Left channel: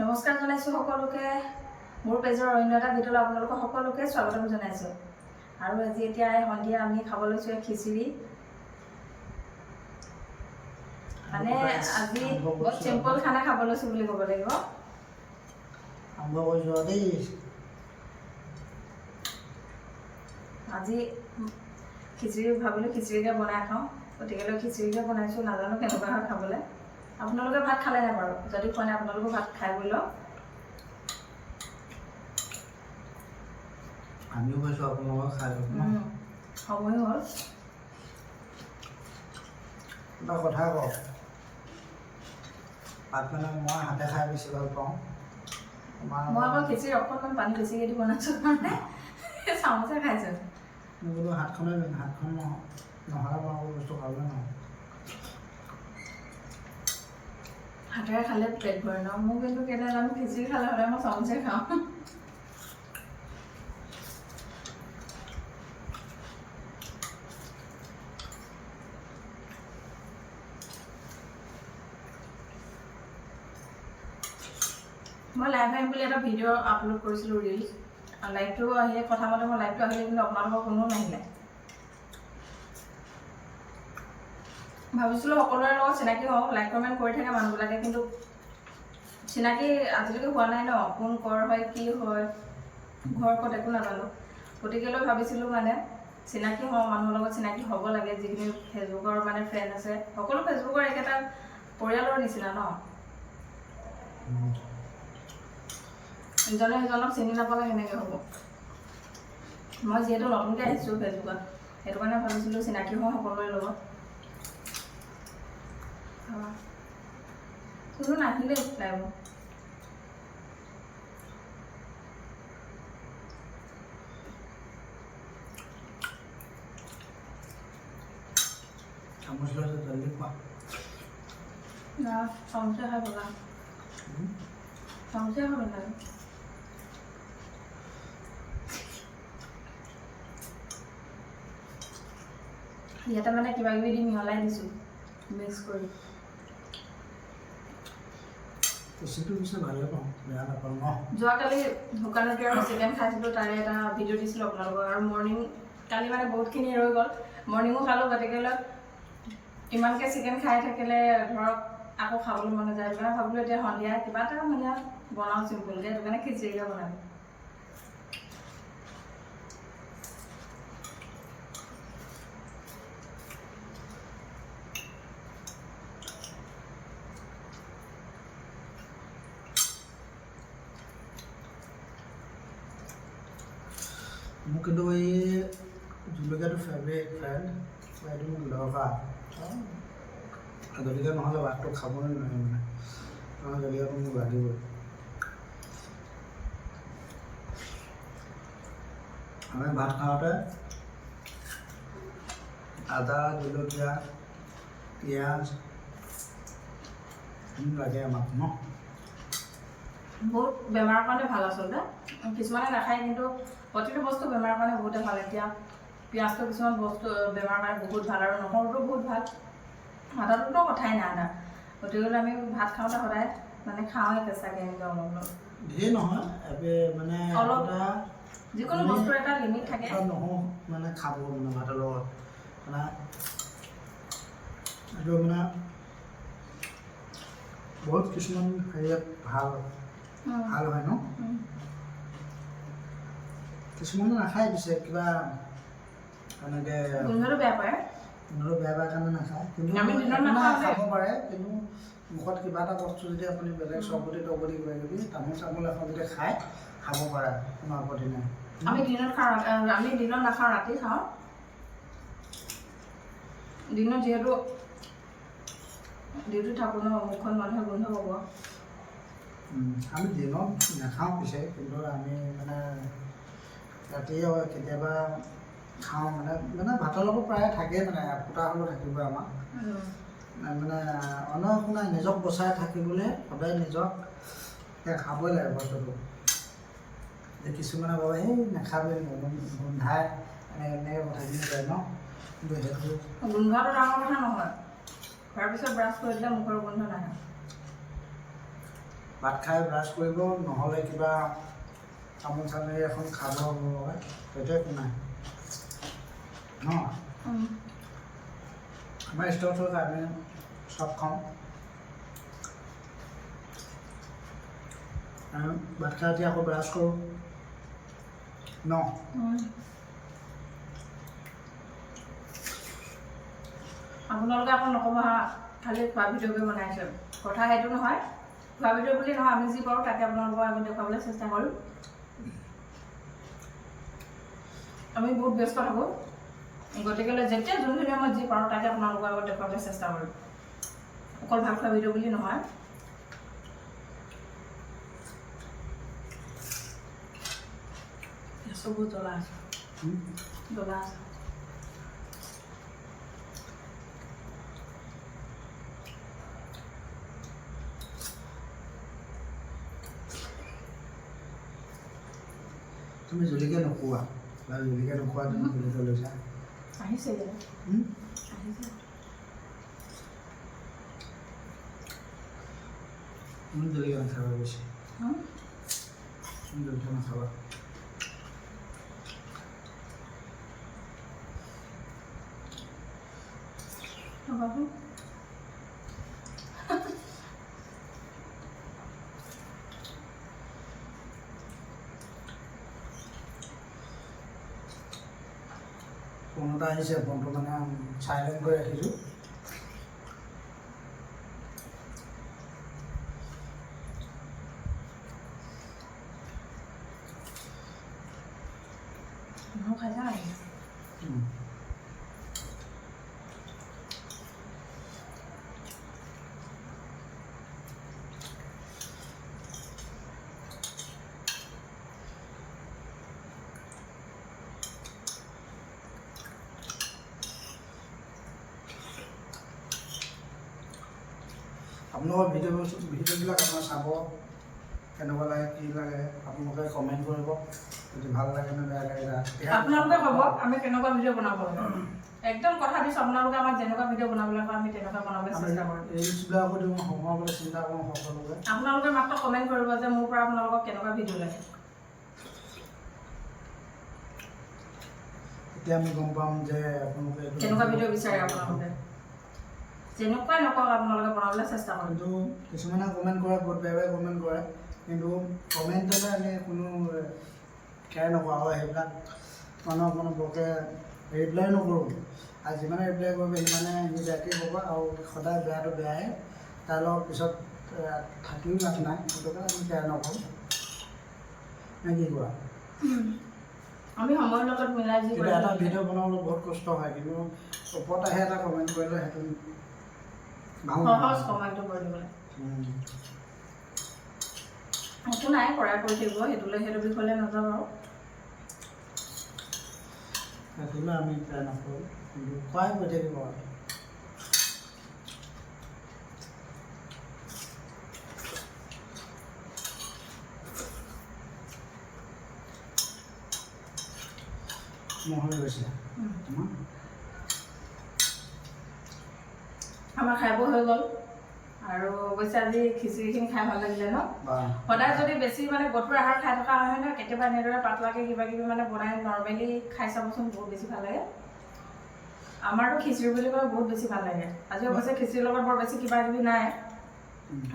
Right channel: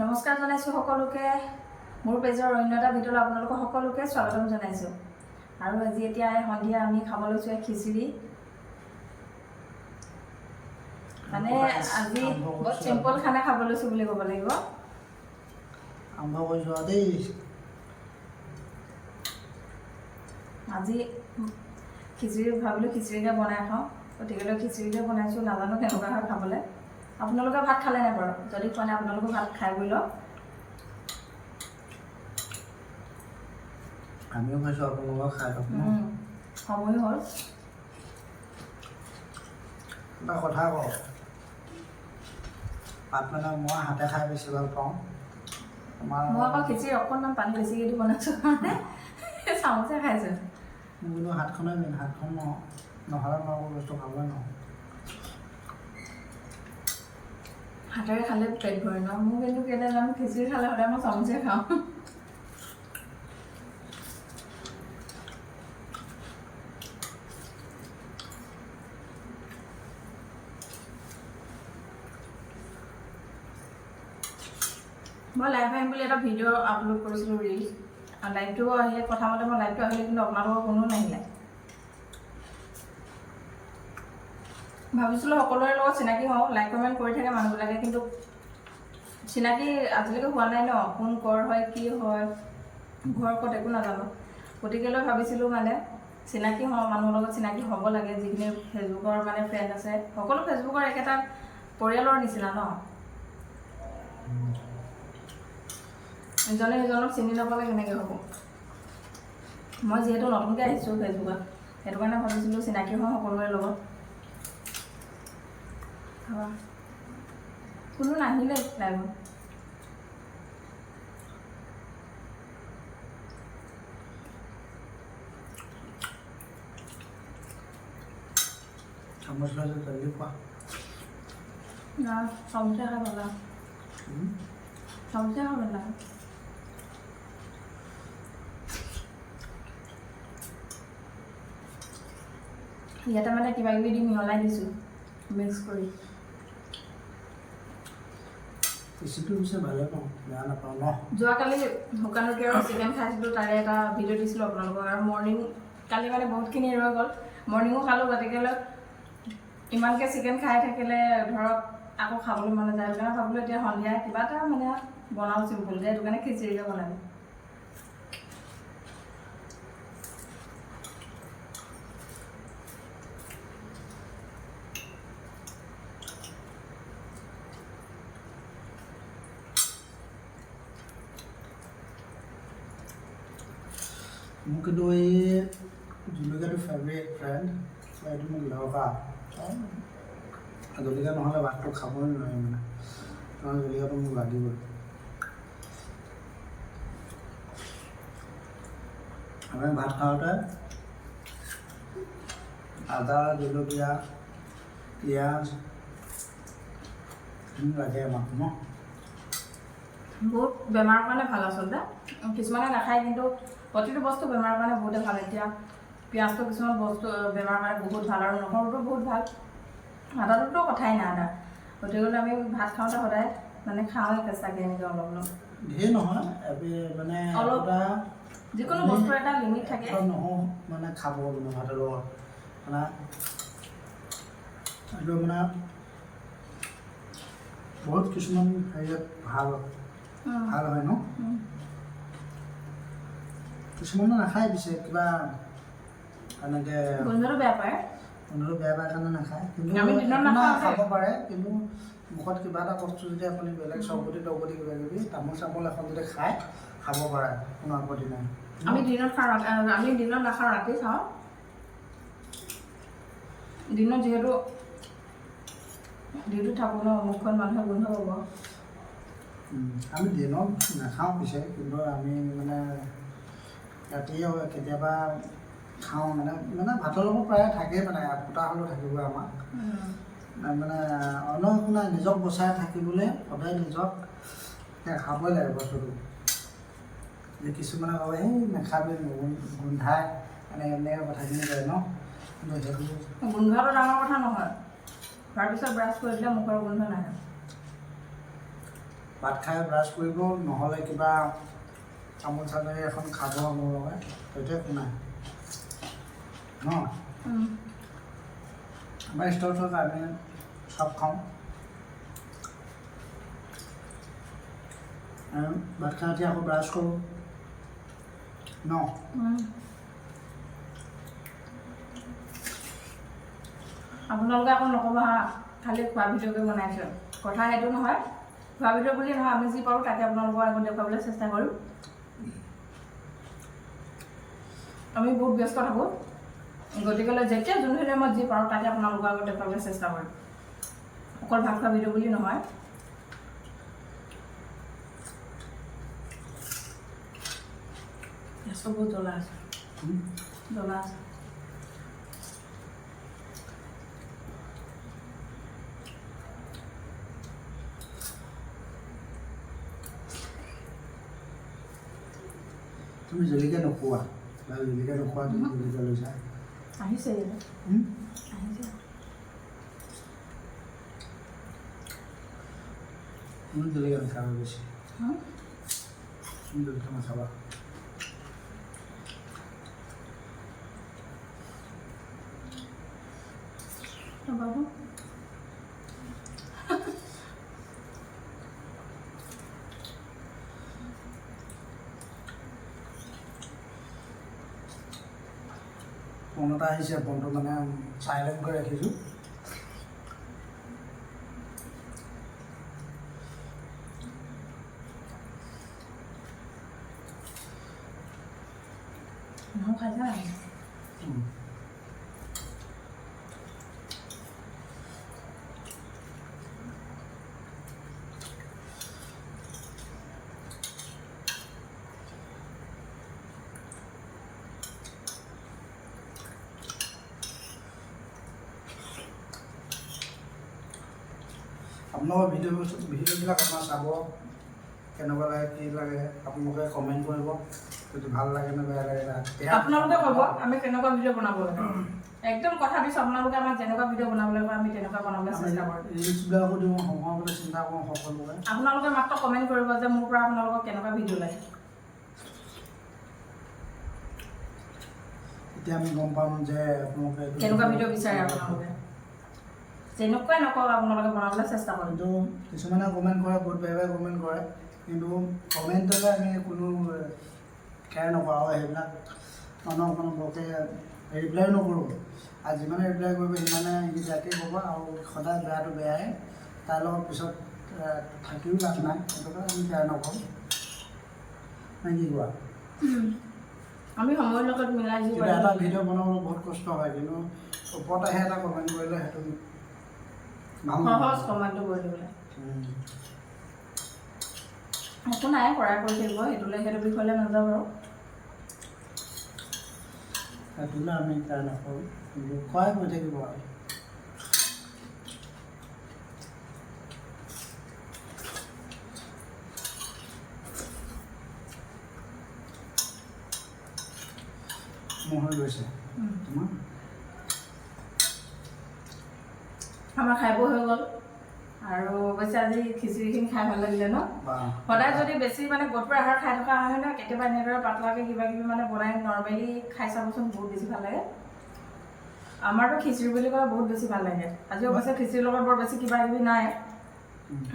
নমস্কাৰ জনাইছোঁ সকলোকে মোৰ পেজৰ অন্য এটা ভিডিঅ'লৈ আপোনালোকক সকলোকে স্বাগতম জনাইছোঁ। আৰু আজি এতিয়া সন্ধিয়া আমি খাব লৈছোঁ খিচিৰি। মানে আজি বহুত চিম্পল খানা খাব লৈছোঁ বুলি ক'ব লাগিব। আৰম্ভ কৰিছোঁ দেই। আজি খিচিৰি ভাবিলোঁ খিচিৰিকে বনাই খাওঁ, গতিকে খিচিৰিকে বনাইছোঁ। নাজানো কেনেকুৱা হয় খাবলৈ। আপোনালোকে ভাত খালে নাই বাৰু? যদি খোৱা নাই আপোনালোকে ভাত খাই বৈ লওক। আমিও খাইছোঁ, আপোনালোকক খাই লওক। সময় হ'ল। এটা কথা কওঁ, ভাত মানে মই হাতে খাই বেছি ভাল পাওঁ। মই অকল খিচিৰি অকণমান পানী বেছিকৈ দি বনাইছোঁ কাৰণে চামুচে খাইছোঁ। মোৰ কিন্তু হাতখনে মেইন, হাতখন নহ'লে মই একো বস্তু খাবলৈ নহওঁ। হাতেৰে খালে পেট ভৰে ন। মোৰ কিন্তু কেনে জানো খিচিৰি খালে সদায় মই চামুচে খাওঁ। মই লাইভ আহিম বুলি এটা ভিডিঅ' আপলোড কৰিছিলোঁ, ৰিলছ। লাইভটো সেই কথা মতে মই লাইভটো আহিলে কিন্তু আপোনালোকৰ কোনো নাহিলে। ভাবিছিলোঁ সকলোৰে লগত চিনাকি হওঁ, লাইক কমেণ্ট কৰি থাকে মানুহবিলাকে, কিন্তু চিনাকি আজিলৈকে হোৱা নাই ন। কোন ক'ৰ হয়, কি হয়, ঘৰ ক'ত একো নাজানো। গতিকেলৈ ভাবিছিলোঁ মানে চিনাকি হওঁ, মানুহৰ লগত চিনাকি হ'ব লাগে। যিখিনি ফেচবুকৰ মানে ফ্ৰেণ্ড আছে, সকলো ফেচবুকৰ একেটা পৰিয়ালৰ নিচিনা ন। ইজনে সিজনক চিনি নাপালে কেনেকৈ হ'ব। মই যিহেতু নতুনকৈ আহিছোঁ ফেচবুকত, সেইটো কাৰণে ভাবিছিলোঁ চিনাকি হওঁ সকলোৰে লগত। কোনো নাহিলে লাইভত। চামুচ লৈছোঁ, জলদি খোৱা। না চামুচে খাই ভাল লাগে। চামুচে খাই ভাল লাগে। ইয়াতে মানে কিবা কিবি দি মিহলাই দিছোঁ, মিক্স কৰি। খিচিৰিটো পিছে ভালে পাওঁ, বেয়া নাপাওঁ ন। যোৱাকালি শুকানৰুটি আৰু চিকেন খাইছিলোঁ, তাৰে এটা ভিডিঅ' দিছিলোঁ আপোনালোকক। আৰু মৰ্ণিং কালি মানে বহুতখিনি ৰৈ গ'ল, মৰ্ণিঙো খালোঁ। গতিকে ইমানকৈ চিকেন খাই থাকিলে ধৰক আকৌ খাবলৈ মন নাযায়। সেইটো কাৰণে ভাবিলোঁ এতিয়া সন্ধিয়া কিবা এটা মানে বনাওঁ চিম্পুলকৈ, সেইটো কাৰণে খিচিৰিকে বনালোঁ। মোৰ কিন্তু এই জলকীয়াটো ফেভৰেট ফ্ৰেণ্ড, এইটো মোক দৰকাৰ। জলকীয়া নহ'লে ভাতটো খাবই নোৱাৰি মানে, কাৰণ জলকীয়াটো মোক লাগিবই। আমি ভাত খাওঁতে আদা, জলকীয়া, পিঁয়াজ লাগে আমাক ন। বহুত বেমাৰৰ কাৰণে ভাল আচলতে। কিছুমানে নাখায়, কিন্তু প্ৰতিটো বস্তু বেমাৰৰ কাৰণে বহুতে ভাল। এতিয়া পিঁয়াজটো কিছুমান বস্তু বেমাৰৰ কাৰণে বহুত ভাল, আৰু নহৰুটো বহুত ভাল। আদাটোতো কথাই নাই আদা। গতিকে আমি ভাত খাওঁতে সদায় মানে খাওঁৱে কেঁচাকৈ, এনেকৈ অলপ অলপ। ধেৰ নহয়, মানে অলপ যিকোনো বস্তুৰ এটা লিমিট থাকে। নহওঁ মানে খাব মানে ভাতৰ লগত মানে এইটো মানে বহুত কিছুমান হেৰিয়াত ভাল হয় ন। কিছুমানে নাখায়, পিছে কিবা এনেকৈ গোন্ধটো বেয়া পায়। গোন্ধটো বেয়া পায় কাৰণে নাখায়, কিন্তু খাব পাৰে। কিন্তু মুখত কিবা এটা বস্তু যদি আপুনি বেলেগ চবগুটি তগগুটি কিবা কিবি তামোল চামোল এখন যদি খাব পাৰে, কোনো আপত্তি নাই। আমি দিনত খাওঁ, আমি দিনত নাখাওঁ, ৰাতি খাওঁ। দিনত যিহেতু ডিউটিত থাকোঁ ন, মুখখন মানুহে গোন্ধ পাব। আমি দিনত নাখাওঁ পিছে, কিন্তু আমি মানে ৰাতি কেতিয়াবা খাওঁ। মানে ভাতৰ লগত প্ৰায় থাকেই, মানে ফুটা হ'লেও থাকিবই আমাক। মানে অন্য একো নাই, নিজক বচাই থাকিবলৈ সদায় নিজক খাবই লাগে বস্তুটো। যে কিছুমানে ভাবে এই নাখাবই, গোন্ধাই, এনেকৈ কথাখিনি কয় ন। কিন্তু সেইটো গোন্ধটো ডাঙৰ কথা নহয়। খোৱাৰ পিছত ব্ৰাছ কৰি দিলে মুখৰ গোন্ধ নাহে। ভাত খাই ব্ৰাছ কৰিব, নহ'লে কিবা চামুচ চামুচে এখন খাব মোৰ লগত, সেইটো একো নাই ন। আমাৰ ষ্টৰত আমি চব খাওঁ। আৰু ভাত খাই উঠি আকৌ ব্ৰাছ কৰোঁ ন। আপোনালোকে আকৌ নক'ব হা, খালি খোৱা ভিডিঅ'কে বনাইছে। কথা সেইটো নহয়, খোৱা ভিডিঅ' বুলি নহয়, আমি যি পাৰোঁ তাকে আপোনালোকৰ আগত দেখুৱাবলৈ চেষ্টা কৰিম। আমি বহুত ব্যস্ত থাকোঁ, গতিকেলৈ যেতিয়া যোনখিনি সময়ত যি পাৰোঁ তাকে আপোনালোকৰ আগত দেখুৱাবলৈ চেষ্টা কৰিম। অকল ভাত খোৱা ভিডিঅ' বুলি নহয়। চবু জ্বলা আছে, জ্বলা আছে। তুমি জলকীয়া নোখোৱা, জলকীয়া নোখোৱা, তুমি জলকীয়া লৈছা। আহিছে আহিছে। তুমি জলকীয়া নাখাবা বেছি, তুমি জলকীয়া নাখাবা। ফোন এটা আহিছে, ফোনটো মানে চাইলেণ্ট কৰি ৰাখিছোঁ। খাইছা আপোনালোকৰ ভিডিঅ'বিলাক আমাৰ চাব, কেনেকুৱা লাগে কি লাগে আপোনালোকে কমেণ্ট কৰিব, যদি ভাল লাগে নে বেয়া লাগে। আপোনালোকে ক'ব আমি কেনেকুৱা ভিডিঅ' বনাব লাগে। একদম কথা দিছোঁ, আপোনালোকে আমাক যেনেকুৱা ভিডিঅ' বনাবলৈ কয় আমি তেনেকুৱা বনাবলৈ চেষ্টা কৰিম। ৰিলচবিলাকো দিওঁ, সোমাবলৈ চিন্তা কৰোঁ সকলোকে। আপোনালোকে মাত্ৰ কমেণ্ট কৰিব যে মোৰ পৰা আপোনালোকক কেনেকুৱা ভিডিঅ' লাগে। তেতিয়া আমি গম পাম যে আপোনালোকে কেনেকুৱা ভিডিঅ' বিচাৰে আপোনালোকে। যেনেকুৱাই নকওক আপোনালোকে বনাবলৈ চেষ্টা কৰিম। কিন্তু কিছুমানে কমেণ্ট কৰে, বহুত বেয়া বেয়া কমেণ্ট কৰে, কিন্তু কমেণ্টলৈ আমি কোনো কেয়াৰ নকৰোঁ আৰু সেইবিলাক মানুহক কোনো বৰকৈ ৰিপ্লাই নকৰোঁ। আৰু যিমানে ৰিপ্লাই কৰিব সিমানে সি বেয়াকৈ ক'ব, আৰু সদায় বেয়াটো বেয়াই, তাৰ লগত পিছত থাকিও লাভ নাই, সেইটো কাৰণে আমি কেয়াৰ নকৰোঁ। নে কি কোৱা? আমি সময়ৰ লগত মিলাই যি এটা ভিডিঅ' বনাবলৈ বহুত কষ্ট হয়, কিন্তু ওপৰত আহি এটা কমেণ্ট কৰিলে সেইটো সহজ কমেণ্টটো কৰি দিবলৈ একো নাই, কৰাই কৰি থাকিব। সেইটো বিষয়লৈ নাযাওঁ বাৰু, সেইটোলৈ আমি ট্ৰাই নকৰোঁ, কিন্তু খুৱাই কৰি থাকিব আৰু। হৈ গৈছে আমাৰ খাই বৈ হৈ গ'ল। আৰু অৱশ্যে আজি খিচিৰিখিনি খাই ভাল লাগিলে ন। সদায় যদি বেছি মানে গধুৰ আহাৰ খাই থকা হয় ন, কেতিয়াবা এনেদৰে পাতলাকৈ কিবা কিবি মানে বনাই নৰ্মেলি খাই চাবচোন, বহুত বেছি ভাল লাগে। আমাৰতো খিচিৰি বুলি ক'লে বহুত বেছি ভাল লাগে। আজি অৱশ্যে খিচিৰিৰ লগত বৰ বেছি কিবা কিবি নাই,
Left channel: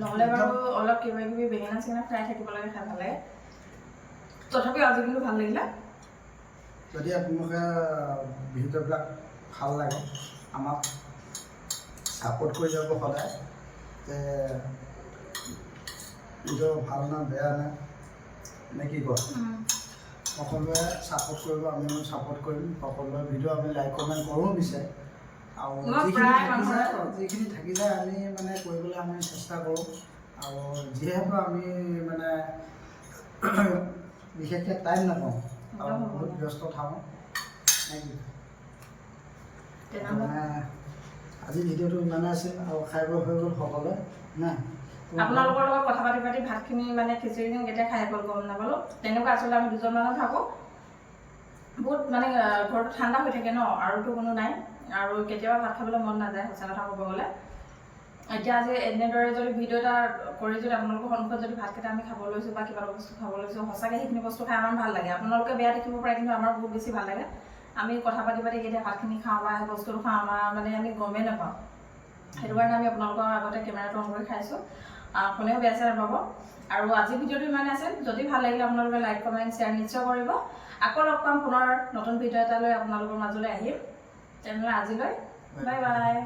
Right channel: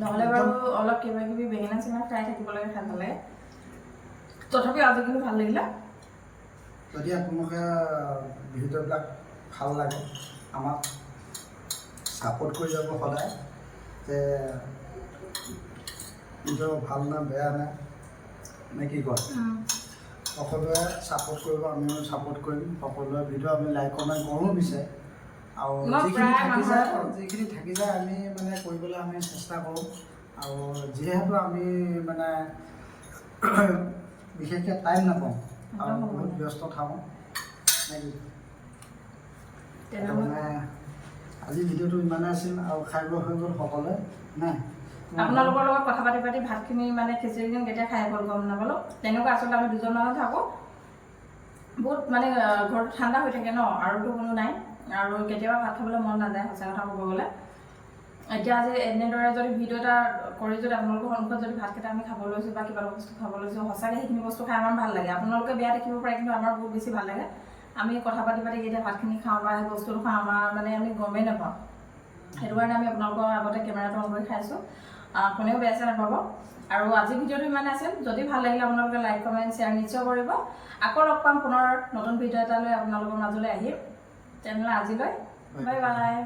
নহ'লে বাৰু অলপ কিবা কিবি বেঙেনা চেঙেনা ফ্ৰাই থাকিব লাগে, খাই ভাল লাগে। তথাপিও আজি কিন্তু ভাল লাগিলে। যদি আপোনালোকে ভিডিঅ'বিলাক ভাল লাগে, আমাক ছাপোৰ্ট কৰি যাব সদায়, যে ভিডিঅ' ভাল নে বেয়া নে কি কয়। সকলোৱে ছাপোৰ্ট কৰিব, আমিও ছাপোৰ্ট কৰিম। সকলোৱে ভিডিঅ' আমি লাইক কমেণ্ট কৰোঁ বিচাৰে, আৰু যিখিনি থাকি যায় আমি মানে কৰিবলৈ আমি চেষ্টা কৰোঁ। আৰু যিহেতু আমি মানে বিশেষকৈ টাইম নাপাওঁ আৰু বহুত ব্যস্ত থাকোঁ, মানে আজি ভিডিঅ'টো ইমানে আছিল। আৰু খাই বৈ হৈ গ'ল সকলোৱে নাই। আপোনালোকৰ লগত কথা পাতি পাতি ভাতখিনি মানে খিচিৰিখিনি কেতিয়া খাই গ'ল গম নাপালোঁ। তেনেকুৱা আচলতে আমি দুজন মানুহ থাকোঁ, বহুত মানে ঘৰটো ঠাণ্ডা হৈ থাকে ন, আৰুতো কোনো নাই, আৰু কেতিয়াবা ভাত খাবলৈ মন নাযায় সঁচা কথা ক'ব গ'লে। এতিয়া যে এনেদৰে যদি ভিডিঅ' এটা কৰি যদি আপোনালোকৰ সন্মুখত যদি ভাতকেইটা আমি খাব লৈছোঁ বা কিবা এটা বস্তু খাব লৈছোঁ, সঁচাকৈ সেইখিনি বস্তু খাই আমাৰ ভাল লাগে। আপোনালোকে বেয়া দেখিব পাৰে, কিন্তু আমাৰ বহুত বেছি ভাল লাগে। আমি কথা পাতি পাতি কেতিয়া ভাতখিনি খাওঁ বা সেই বস্তুটো খাওঁ, আমাৰ মানে আমি গমেই নাপাওঁ। সেইটো কাৰণে আমি আপোনালোকৰ আগতে কেমেৰাটো অন কৰি খাইছোঁ। কোনেও বেয়া চেয়া নাপাব। আৰু আজি ভিডিঅ'টো ইমানে আছিল। যদি ভাল লাগিলে আপোনালোকে লাইক কমেণ্ট শ্বেয়াৰ নিশ্চয় কৰিব। আকৌ লগ পাম পুনৰ নতুন ভিডিঅ' এটা লৈ আপোনালোকৰ মাজলৈ আহিম। তেনেহ'লে আজিলৈ বাই বাই।